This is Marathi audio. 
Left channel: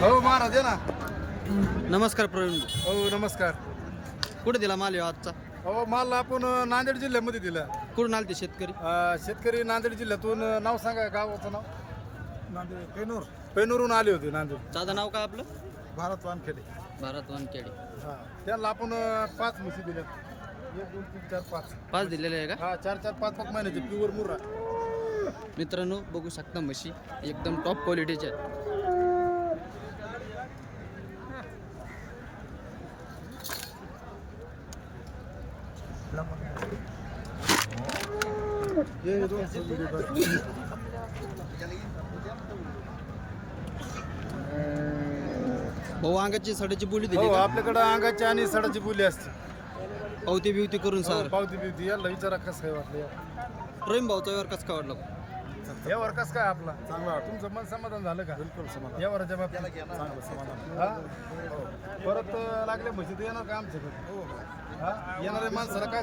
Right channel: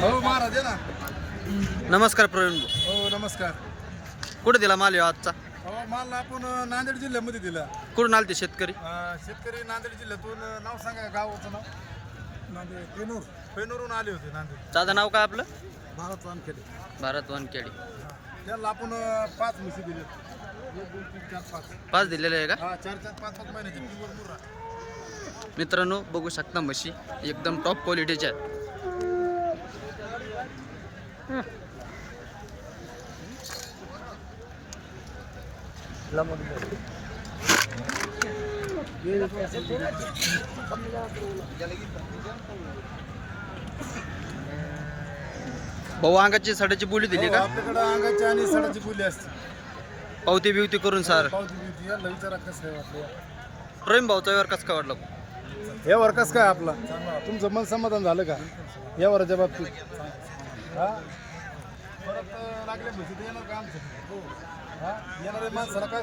हो महाराज आहे ना. नमस्कार प्रवीण भाऊ. हो नमस्कार. कुठे दिला माल ह्यो आजचा? हो माल आपण नांदेड जिल्ह्यामध्ये दिला. कुठून आलते शेतकरी? अ, शेतकरी नांदेड जिल्ह्यातून नाव सांगा गावाचं नाव? नांदेड पेनूर. पेनूरहून आले होते नांदेड. दादा नाव काय आपलं? भारत वानखेडे. भारत वानखेडी. त्याला आपण अ, पाच म्हशी दिल्या एक दोन तीन चार पाच. पाच दिलेले आहे का? हा चार चार पाच पाच महिन्याचे प्युअर मित्रांनो बघू शकता म्हशी. एकदम टॉप क्वालिटीच्या आहेत हे दोन सब्जी देतो. भाऊ अंगाची साड्याची बोली दिली हो, का आपल्याकडं अंगाची आणि सडाची बोली असते. पावती बिवती करून सर. पावती बिवती. याला विचारा कसं आहे वाटलं प्रेम भाऊचा व्यवहार कसं काय वाटलं? यावर कसं काय आपला? चांगला तुमचं मन समाधान झालं का? यावरच्या बाबतीत. चांगलं समाधान. हा? परत अं, लागले म्हशी तर येणार का आमच्याकडे? हा. येणाऱ्या माणसाला काय